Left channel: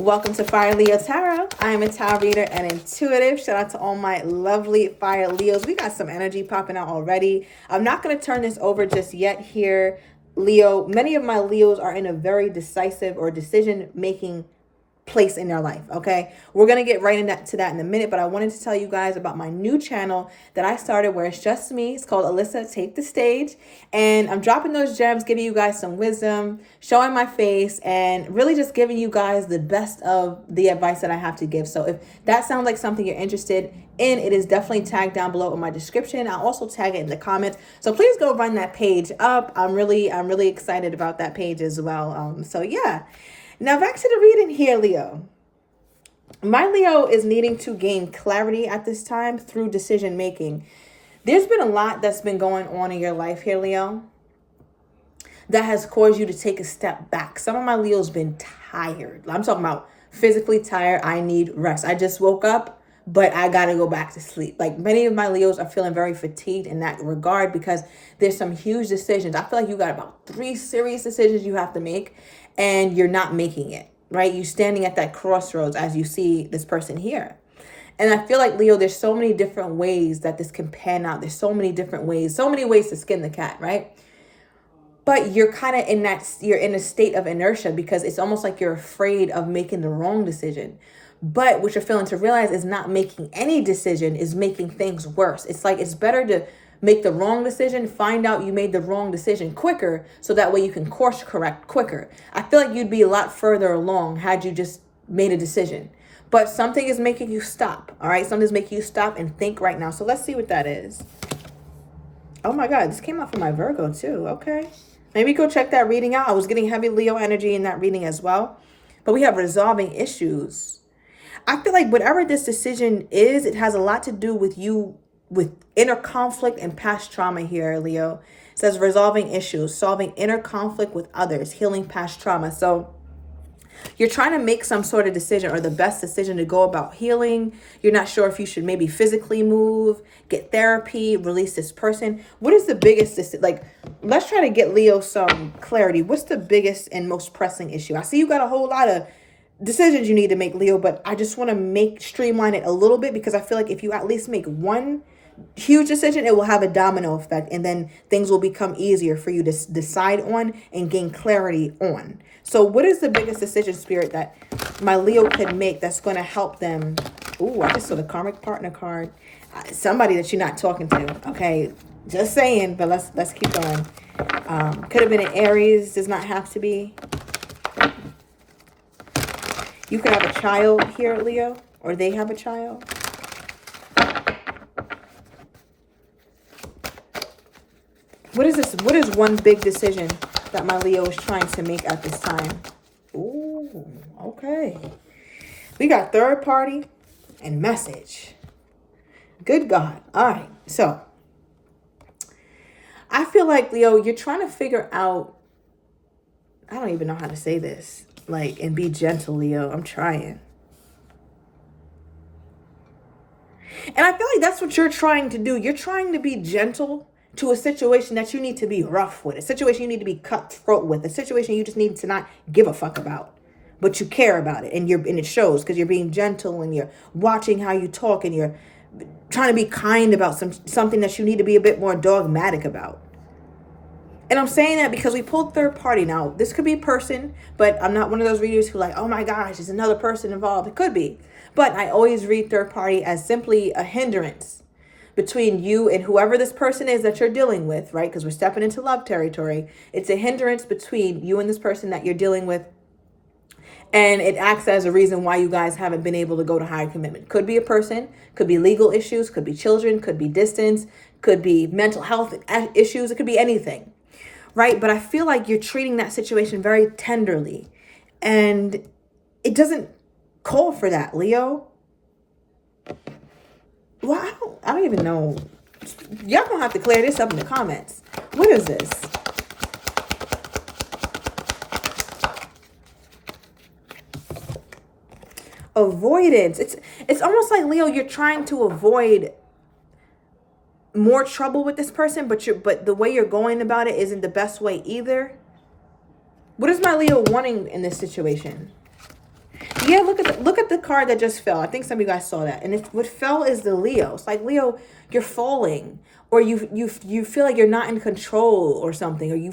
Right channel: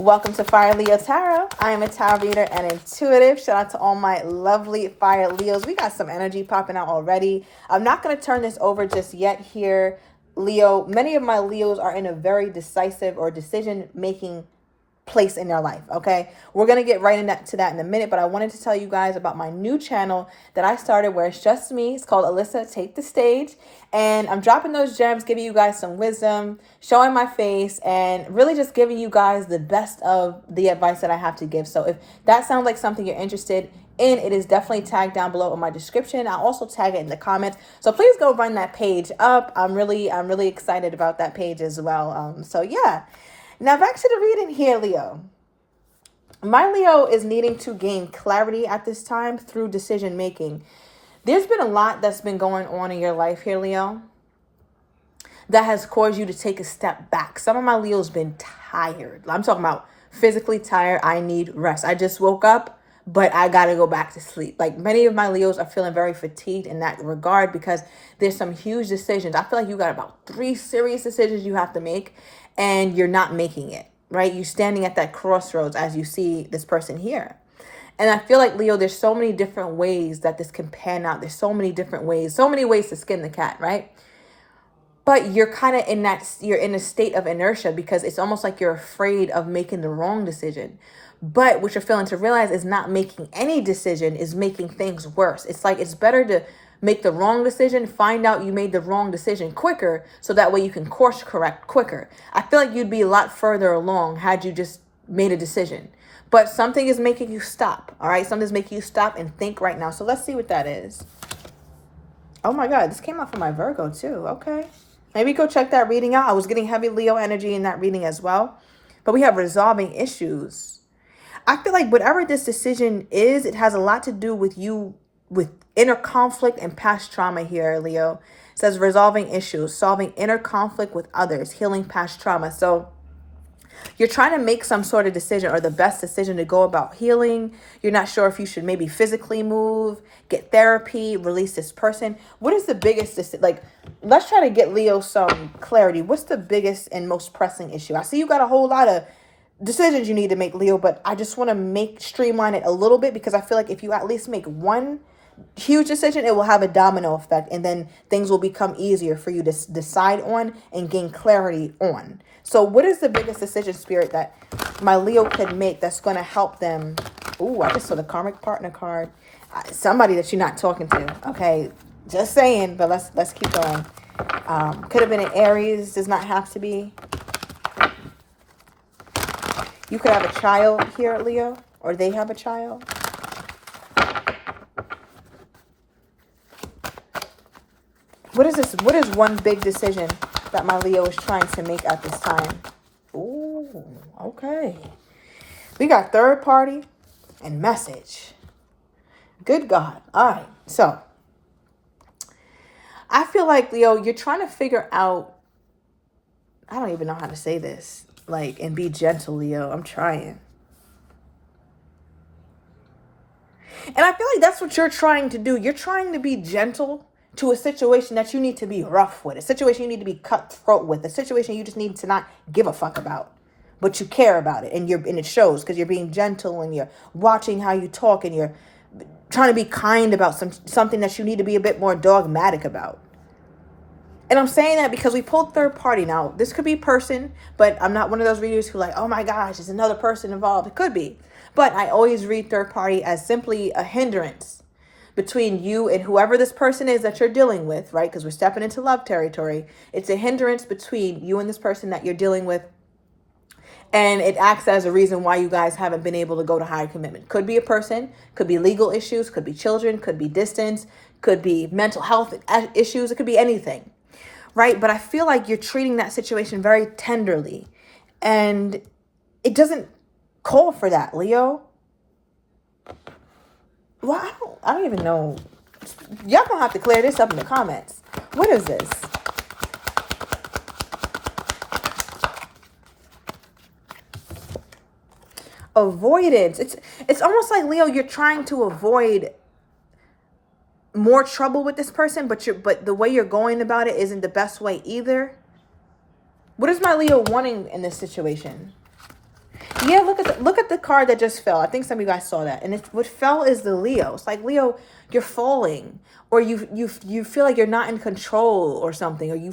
Welcome to Fire Leo Tarot. I am a tarot reader and intuitive. Shout out to all my lovely Fire Leos. We got some energy popping out already. I'm not going to turn this over just yet here, Leo. Many of my Leos are in a very decisive or decision-making place in their life. Okay, we're gonna get right into that in a minute, but I wanted to tell you guys about my new channel that I started where it's just me. It's called Alyssa Take the Stage, and I'm dropping those gems, giving you guys some wisdom, showing my face, and really just giving you guys the best of the advice that I have to give. So if that sounds like something you're interested in, it is definitely tagged down below in my description. I'll also tag it in the comments, so please go run that page up. I'm really excited about that page as well. So yeah. Now back to the reading here, Leo. My Leo is needing to gain clarity at this time through decision making. There's been a lot that's been going on in your life here, Leo, that has caused you to take a step back. Some of my Leo's been tired. I'm talking about physically tired. I need rest. I just woke up, but I got to go back to sleep. Like many of my Leos are feeling very fatigued in that regard because there's some huge decisions. I feel like you got about 3 serious decisions you have to make, and you're not making it, right? You're standing at that crossroads as you see this person here. And I feel like, Leo, there's so many different ways that this can pan out. There's so many different ways, so many ways to skin the cat, right? But you're kind of in that, you're in a state of inertia because it's almost like you're afraid of making the wrong decision. But what you're failing to realize is not making any decision is making things worse. It's like it's better to make the wrong decision, find out you made the wrong decision quicker, so that way you can course correct quicker. I feel like you'd be a lot further along had you just made a decision. But something is making you stop, all right? Something's making you stop and think right now. So let's see what that is. Oh my God, this came out for my Virgo too, okay. Maybe go check that reading out. I was getting heavy Leo energy in that reading as well. But we have resolving issues. I feel like whatever this decision is, it has a lot to do with you, with inner conflict and past trauma here, Leo. It says resolving issues, solving inner conflict with others, healing past trauma. So you're trying to make some sort of decision or the best decision to go about healing. You're not sure if you should maybe physically move, get therapy, release this person. What is the biggest, like, let's try to get Leo some clarity. What's the biggest and most pressing issue? I see you got a whole lot of decisions you need to make, Leo, but I just want to streamline it a little bit because I feel like if you at least make one huge decision, it will have a domino effect, and then things will become easier for you to decide on and gain clarity on. So what is the biggest decision, Spirit, that my Leo can make that's going to help them? Ooh, I just saw the karmic partner card. Somebody that you're not talking to. Okay, just saying, but let's keep going. Could have been an Aries, does not have to be. You could have a child here, Leo, or they have a child. What is this? What is one big decision that my Leo is trying to make at this time? Ooh, okay. We got third party and message. Good God. All right. So I feel like, Leo, you're trying to figure out, I don't even know how to say this, like, and be gentle, Leo. I'm trying. And I feel like that's what you're trying to do. You're trying to be gentle to a situation that you need to be rough with, a situation you need to be cutthroat with, a situation you just need to not give a fuck about, but you care about it, and it shows because you're being gentle and you're watching how you talk and you're trying to be kind about something that you need to be a bit more dogmatic about. And I'm saying that because we pulled third party. Now, this could be person, but I'm not one of those readers who like, oh my gosh, there's another person involved. It could be, but I always read third party as simply a hindrance between you and whoever this person is that you're dealing with, right? Because we're stepping into love territory. It's a hindrance between you and this person that you're dealing with. And it acts as a reason why you guys haven't been able to go to higher commitment. Could be a person, could be legal issues, could be children, could be distance, could be mental health issues. It could be anything, right? But I feel like you're treating that situation very tenderly. And it doesn't call for that, Leo. Well, I don't even know. Y'all gonna have to clear this up in the comments. What is this? Avoidance. It's almost like, Leo, you're trying to avoid more trouble with this person, but the way you're going about it isn't the best way either. What is my Leo wanting in this situation? Yeah, look at the card that just fell. I think some of you guys saw that. And what fell is the Leo. It's like, Leo, you're falling, or you feel like you're not in control or something, or you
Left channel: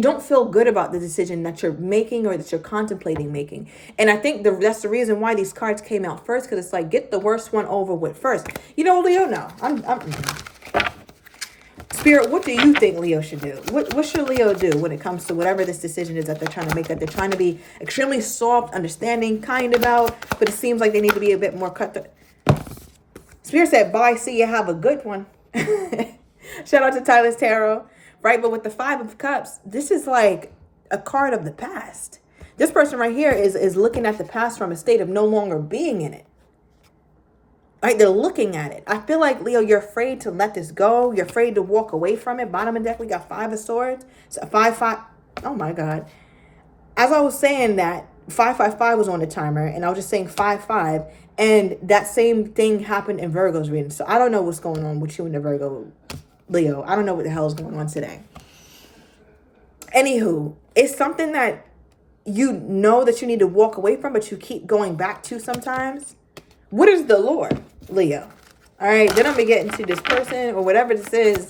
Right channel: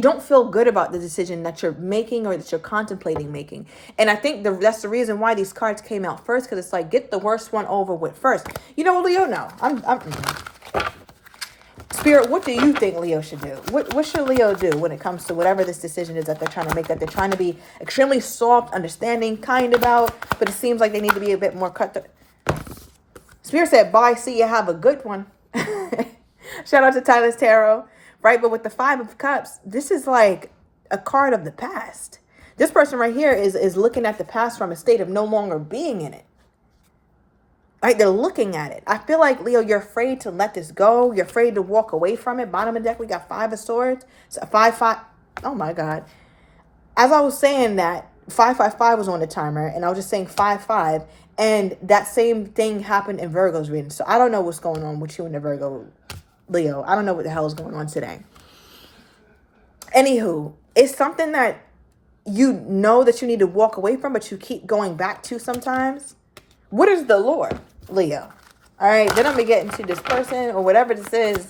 don't feel good about the decision that you're making or that you're contemplating making. And I think that's the reason why these cards came out first, because it's like, get the worst one over with first. You know, Leo, no. Spirit, what do you think Leo should do? What should Leo do when it comes to whatever this decision is that they're trying to make, that they're trying to be extremely soft, understanding, kind about, but it seems like they need to be a bit more cut. Spirit said, bye, see you, have a good one. Shout out to Tyler's Tarot, right? But with the Five of Cups, this is like a card of the past. This person right here is looking at the past from a state of no longer being in it. Right? They're looking at it. I feel like, Leo, you're afraid to let this go. You're afraid to walk away from it. Bottom of the deck, we got Five of Swords. So 5-5. Oh my God. As I was saying that, 555 was on the timer, and I was just saying 5-5, and that same thing happened in Virgo's reading. So I don't know what's going on with you and the Virgo, Leo. I don't know what the hell is going on today. Anywho, it's something that you know that you need to walk away from, but you keep going back to sometimes. What is the Lord, Leo? All right, then I'm going to get into this person or whatever this is.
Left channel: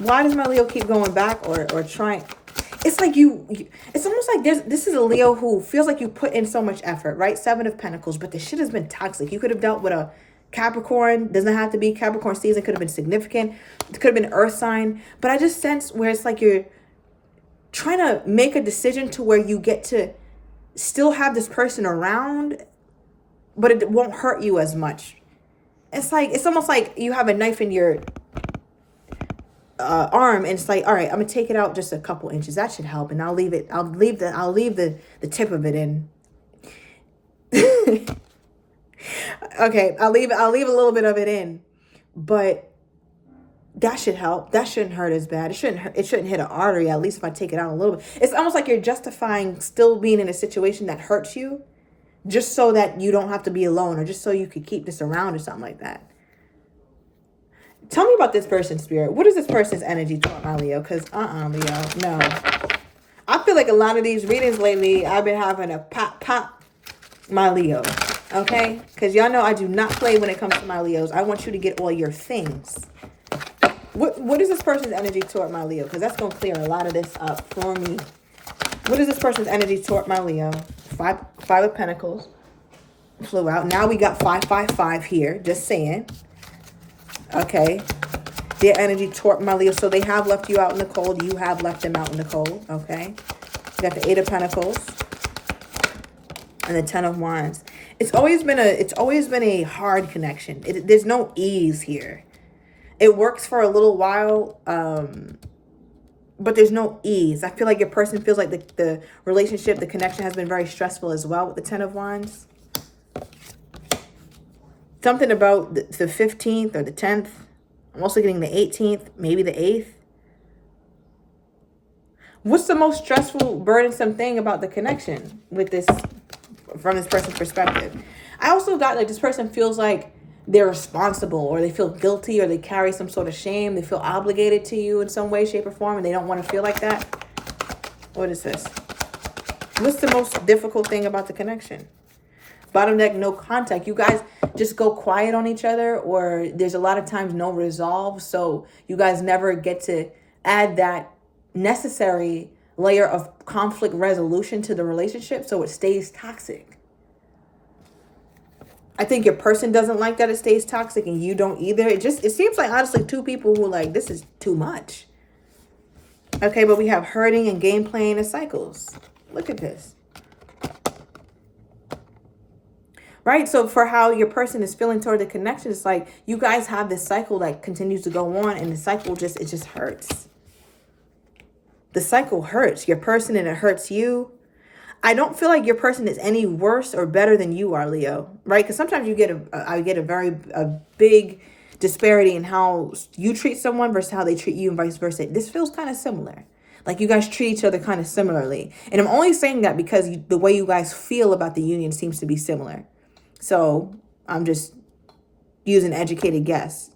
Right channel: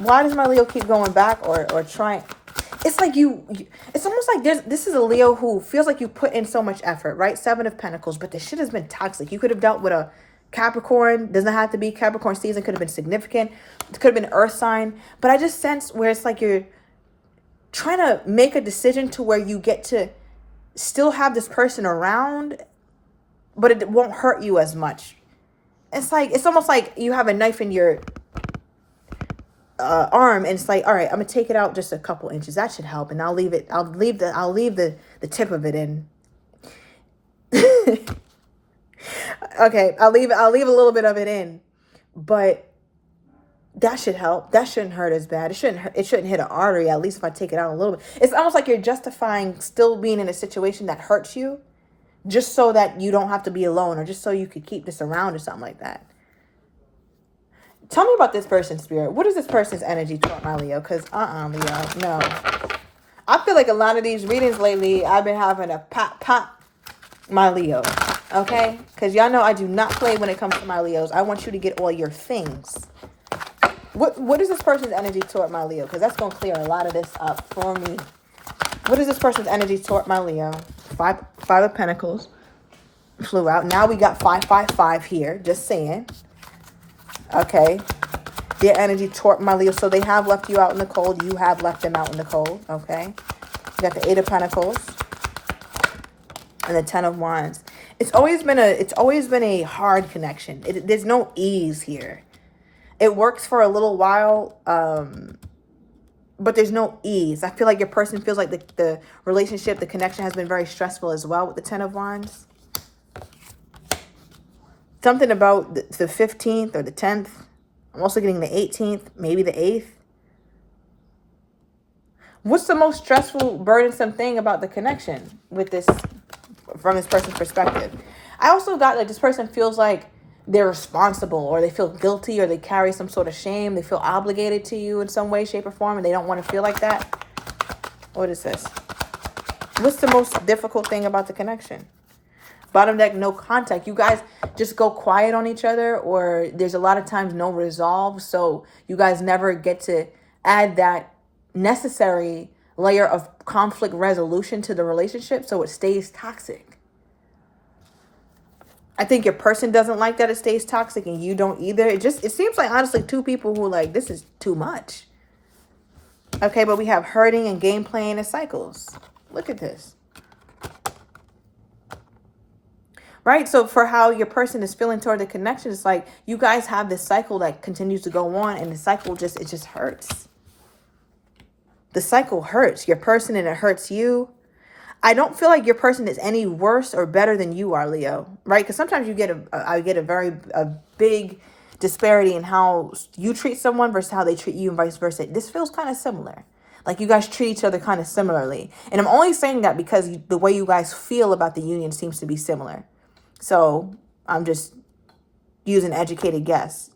Why does my Leo keep going back or trying? It's like it's almost like this is a Leo who feels like you put in so much effort, right? Seven of Pentacles, but the shit has been toxic. You could have dealt with a Capricorn. Doesn't have to be Capricorn season. Could have been significant. It could have been Earth sign. But I just sense where it's like you're trying to make a decision to where you get to still have this person around, but it won't hurt you as much. It's almost like you have a knife in your arm, and it's like, all right, I'm gonna take it out just a couple inches. That should help, and I'll leave the tip of it in. Okay, I'll leave a little bit of it in, but that should help. That shouldn't hurt as bad. It shouldn't hit an artery, at least if I take it out a little bit. It's almost like you're justifying still being in a situation that hurts you, just so that you don't have to be alone, or just so you could keep this around or something like that. Tell me about this person's Spirit. What is this person's energy toward my Leo? Because, Leo, no. I feel like a lot of these readings lately, I've been having a pop my Leo. Okay? Because y'all know I do not play when it comes to my Leos. I want you to get all your things. What is this person's energy toward my Leo? Because that's going to clear a lot of this up for me. What is this person's energy toward my Leo? Five of Pentacles flew out. Now we got 555 here. Just saying. Okay. Their energy toward my Leo. So they have left you out in the cold. You have left them out in the cold. Okay. You got the 8 of Pentacles and the 10 of Wands. It's always been a hard connection. There's no ease here. It works for a little while, but there's no ease. I feel like your person feels like the relationship, the connection has been very stressful as well with the 10 of Wands. Something about the 15th or the 10th. I'm also getting the 18th, maybe the 8th. What's the most stressful, burdensome thing about the connection with this, from this person's perspective? I also got like this person feels like they're responsible, or they feel guilty, or they carry some sort of shame. They feel obligated to you in some way, shape, or form, and they don't want to feel like that. What is this? What's the most difficult thing about the connection? Bottom deck, no contact. You guys just go quiet on each other, or there's a lot of times no resolve. So you guys never get to add that necessary layer of conflict resolution to the relationship, so it stays toxic. I think your person doesn't like that it stays toxic, and you don't either. It seems like, honestly, two people who are like, this is too much. Okay, but we have hurting and game playing and cycles. Look at this. Right? So for how your person is feeling toward the connection, it's like you guys have this cycle that continues to go on, and the cycle just hurts. The cycle hurts your person, and it hurts you. I don't feel like your person is any worse or better than you are, Leo, right? Because sometimes you get a big disparity in how you treat someone versus how they treat you, and vice versa. This feels kind of similar. Like you guys treat each other kind of similarly. And I'm only saying that because the way you guys feel about the union seems to be similar. So I'm just using an educated guess.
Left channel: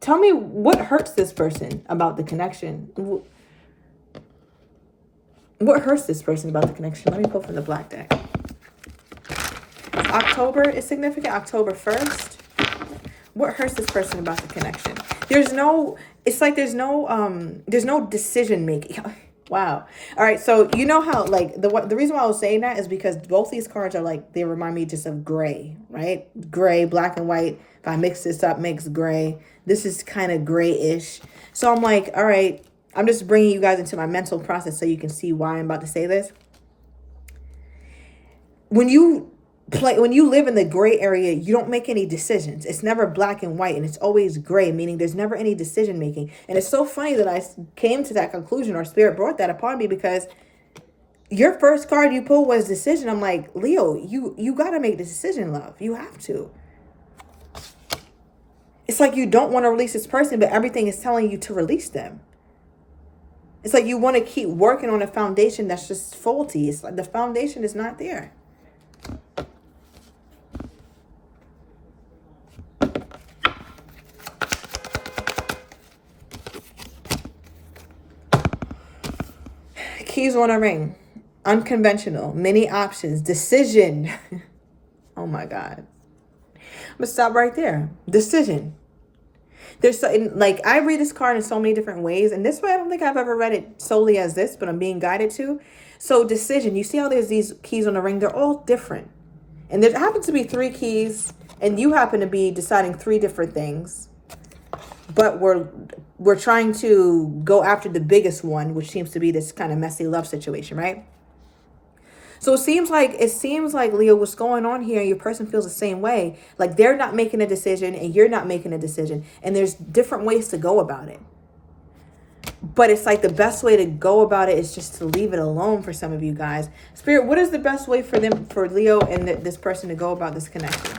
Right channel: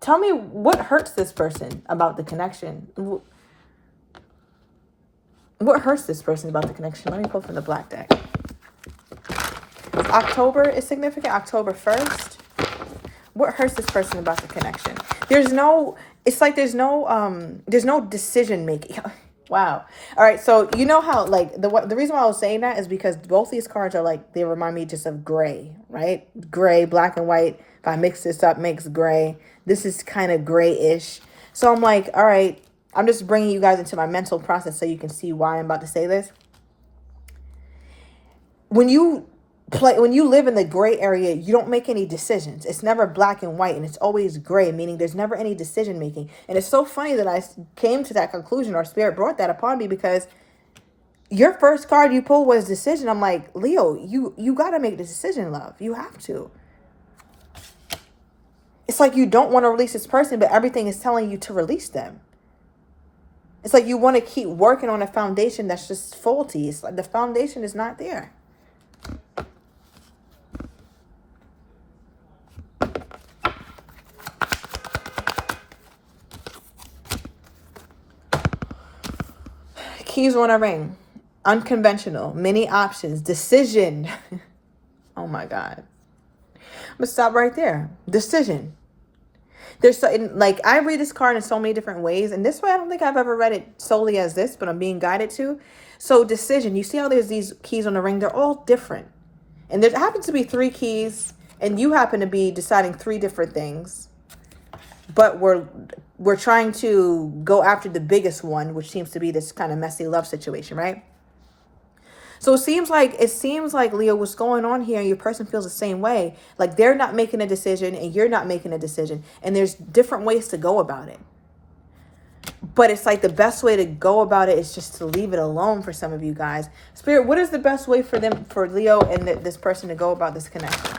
Tell me what hurts this person about the connection. What hurts this person about the connection? Let me pull from the black deck. October is significant. October 1st. What hurts this person about the connection? It's like there's no decision making. Wow. All right. So you know how like the reason why I was saying that is because both these cards are like, they remind me just of gray, right? Gray, black and white. If I mix this up, makes gray. This is kind of grayish. So I'm like, all right, I'm just bringing you guys into my mental process so you can see why I'm about to say this. When you live in the gray area, you don't make any decisions. It's never black and white, and it's always gray, meaning there's never any decision making. And it's so funny that I came to that conclusion, or spirit brought that upon me, because your first card you pulled was decision. I'm like, Leo, you got to make the decision, love. You have to. It's like you don't want to release this person, but everything is telling you to release them. It's like you want to keep working on a foundation that's just faulty. It's like the foundation is not there. Keys on a ring. Unconventional. Many options. Decision. Oh my God. I'm going to stop right there. Decision. There's so, like, I read this card in so many different ways. And this way, I don't think I've ever read it solely as this, but I'm being guided to. So decision. You see how there's these keys on the ring? They're all different. And there happens to be 3 keys. And you happen to be deciding 3 different things. But we're trying to go after the biggest one, which seems to be this kind of messy love situation, right? So it seems like Leo, what's going on here, your person feels the same way. Like they're not making a decision and you're not making a decision. And there's different ways to go about it. But it's like the best way to go about it is just to leave it alone for some of you guys. Spirit, what is the best way for Leo and this person to go about this connection?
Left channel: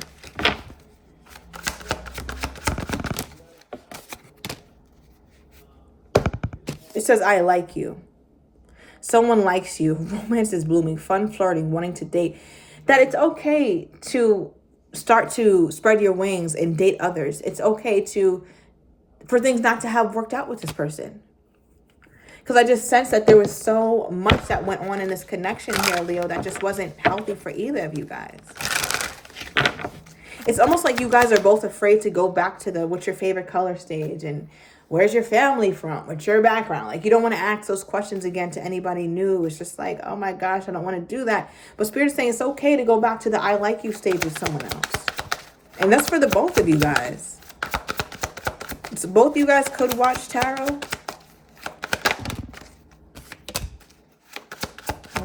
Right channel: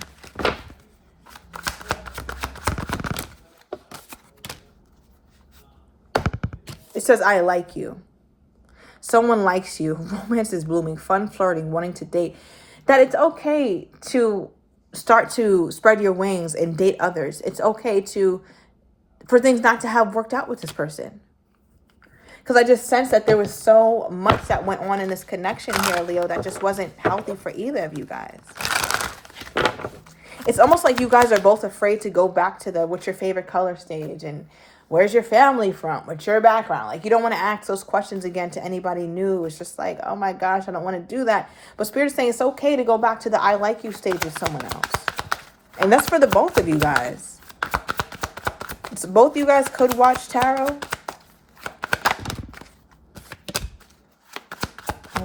It says, I like you. Someone likes you. Romance is blooming. Fun, flirting, wanting to date. That it's okay to start to spread your wings and date others. It's okay for things not to have worked out with this person. Because I just sensed that there was so much that went on in this connection here, Leo, that just wasn't healthy for either of you guys. It's almost like you guys are both afraid to go back to the what's your favorite color stage and where's your family from? What's your background? Like, you don't want to ask those questions again to anybody new. It's just like, oh my gosh, I don't want to do that. But Spirit is saying it's okay to go back to the I like you stage with someone else. And that's for the both of you guys. So both of you guys could watch tarot.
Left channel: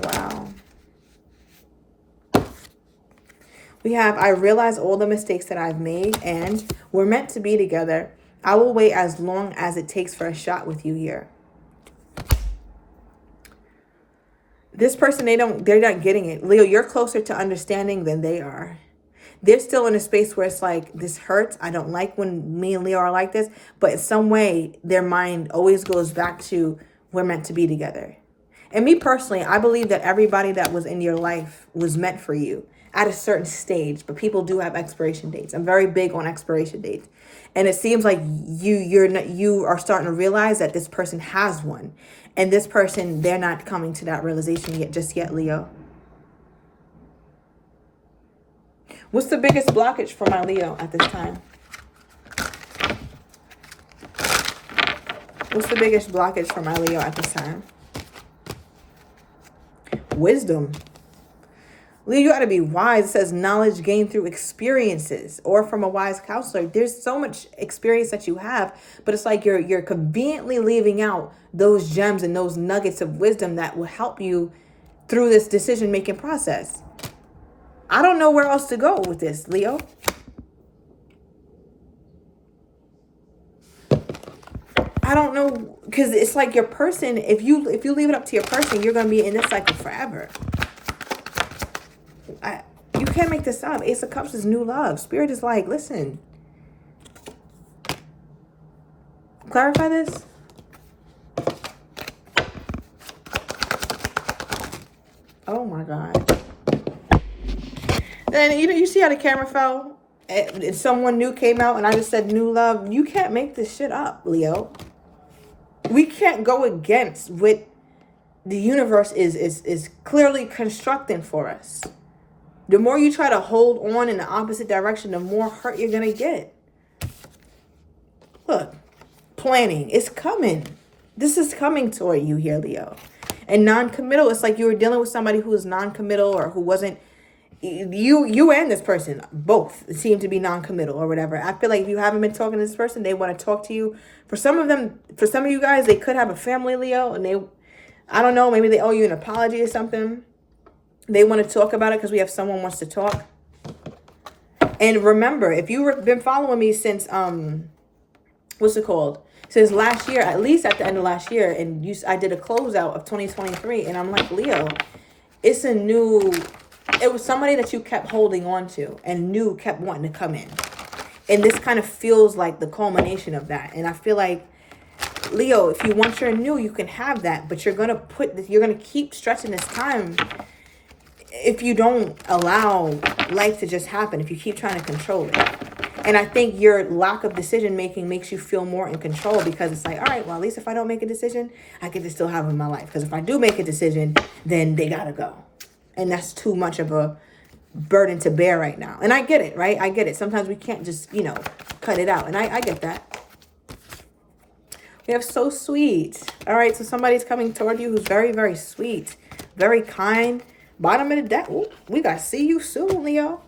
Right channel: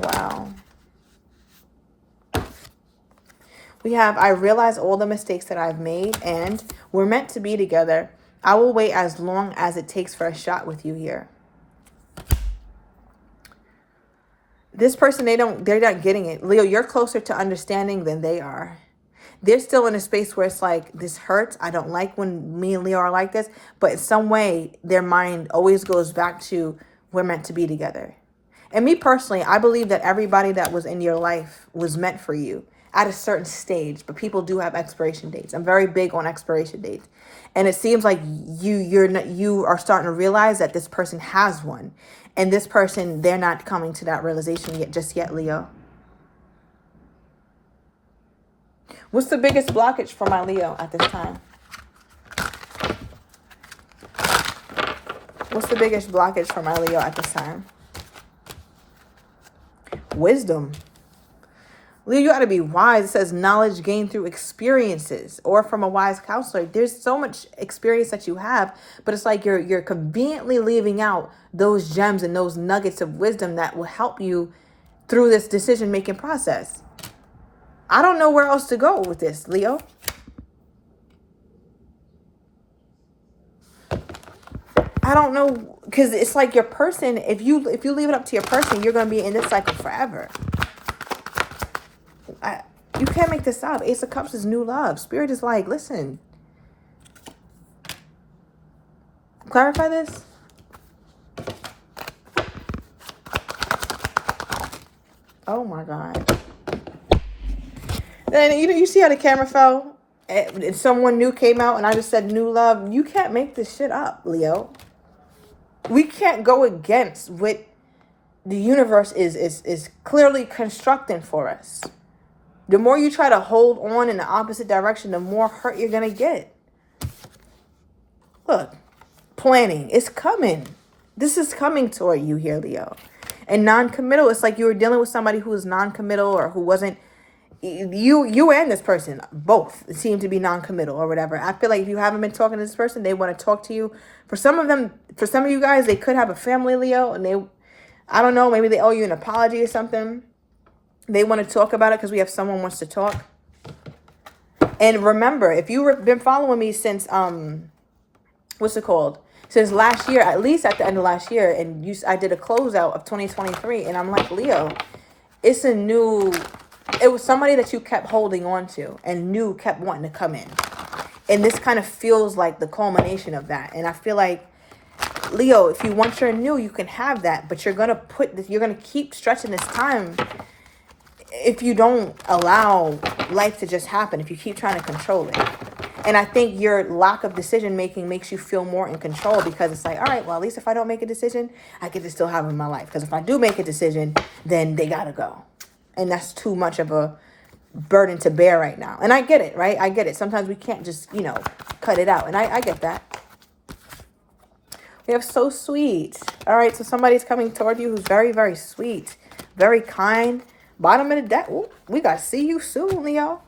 Wow. We have, I realize all the mistakes that I've made and we're meant to be together. I will wait as long as it takes for a shot with you here. This person, they're not getting it. Leo, you're closer to understanding than they are. They're still in a space where it's like, this hurts. I don't like when me and Leo are like this. But in some way, their mind always goes back to, we're meant to be together. And me personally, I believe that everybody that was in your life was meant for you at a certain stage. But people do have expiration dates. I'm very big on expiration dates. And it seems like you are starting to realize that this person has one. And this person, they're not coming to that realization just yet, Leo. What's the biggest blockage for my Leo at this time? What's the biggest blockage for my Leo at this time? Wisdom. Leo, you got to be wise. It says knowledge gained through experiences or from a wise counselor. There's so much experience that you have, but it's like you're conveniently leaving out those gems and those nuggets of wisdom that will help you through this decision-making process. I don't know where else to go with this, Leo. I don't know, because it's like your person, if you leave it up to your person, you're going to be in this cycle forever. You can't make this up. Ace of Cups is new love. Spirit is like, listen. Clarify this. Oh my God. Then you see how the camera fell? And someone new came out and I just said new love. You can't make this shit up, Leo. We can't go against what the universe is clearly constructing for us. The more you try to hold on in the opposite direction, the more hurt you're going to get. Look, planning. It's coming. This is coming toward you here, Leo. And non-committal, it's like you were dealing with somebody who was non-committal or who wasn't, you and this person both seem to be non-committal or whatever. I feel like if you haven't been talking to this person, they want to talk to you. For some of them, for some of you guys, they could have a family, Leo, and I don't know, maybe they owe you an apology or something. They want to talk about it because we have someone wants to talk. And remember, if you've been following me since, what's it called? Since last year, at least at the end of last year, and I did a closeout of 2023, and I'm like, Leo, it was somebody that you kept holding on to and knew kept wanting to come in. And this kind of feels like the culmination of that. And I feel like, Leo, if you want your new, you can have that, but you're going to keep stretching this time if you don't allow life to just happen, if you keep trying to control it. And I think your lack of decision making makes you feel more in control because it's like, all right, well, at least if I don't make a decision, I get to still have them in my life. Because if I do make a decision, then they got to go. And that's too much of a burden to bear right now. And I get it, right? I get it. Sometimes we can't just, cut it out. And I get that. We have so sweet. All right, so somebody's coming toward you who's very, very sweet, very kind. Bottom of the deck. Ooh, we got to see you soon, Leo.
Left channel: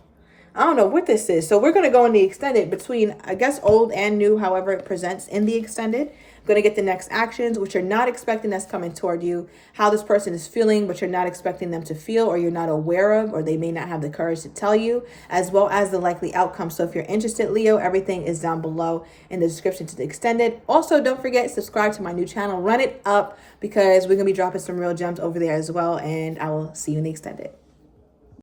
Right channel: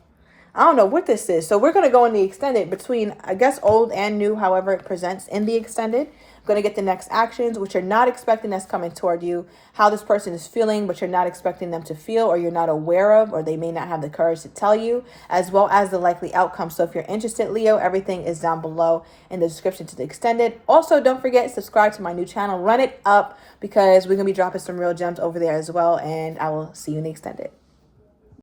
I don't know what this is. So we're going to go in the extended between, I guess, old and new, however it presents in the extended. I'm going to get the next actions, which you're not expecting that's coming toward you, how this person is feeling, but you're not expecting them to feel or you're not aware of, or they may not have the courage to tell you, as well as the likely outcome. So if you're interested, Leo, everything is down below in the description to the extended. Also, don't forget, subscribe to my new channel. Run it up because we're going to be dropping some real gems over there as well. And I will see you in the extended.